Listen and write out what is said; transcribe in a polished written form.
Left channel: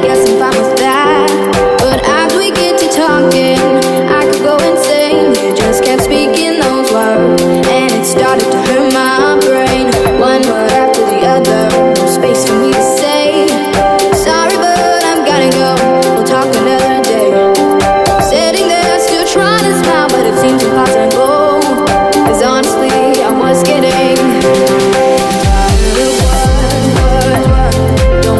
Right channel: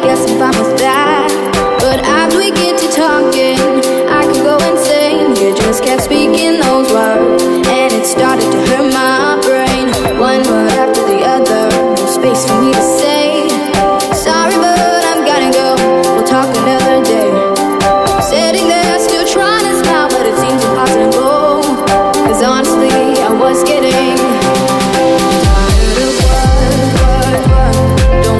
guess I'm fine with that. But after we get to talking, I could go insane. You just kept speaking those words, and it started to hurt my brain. One word after the other, no space for me to say sorry, but I'm gotta go, we'll talk another day. Sitting there still trying to smile, but it seems impossible. Cause honestly, I was getting tired of words. Don't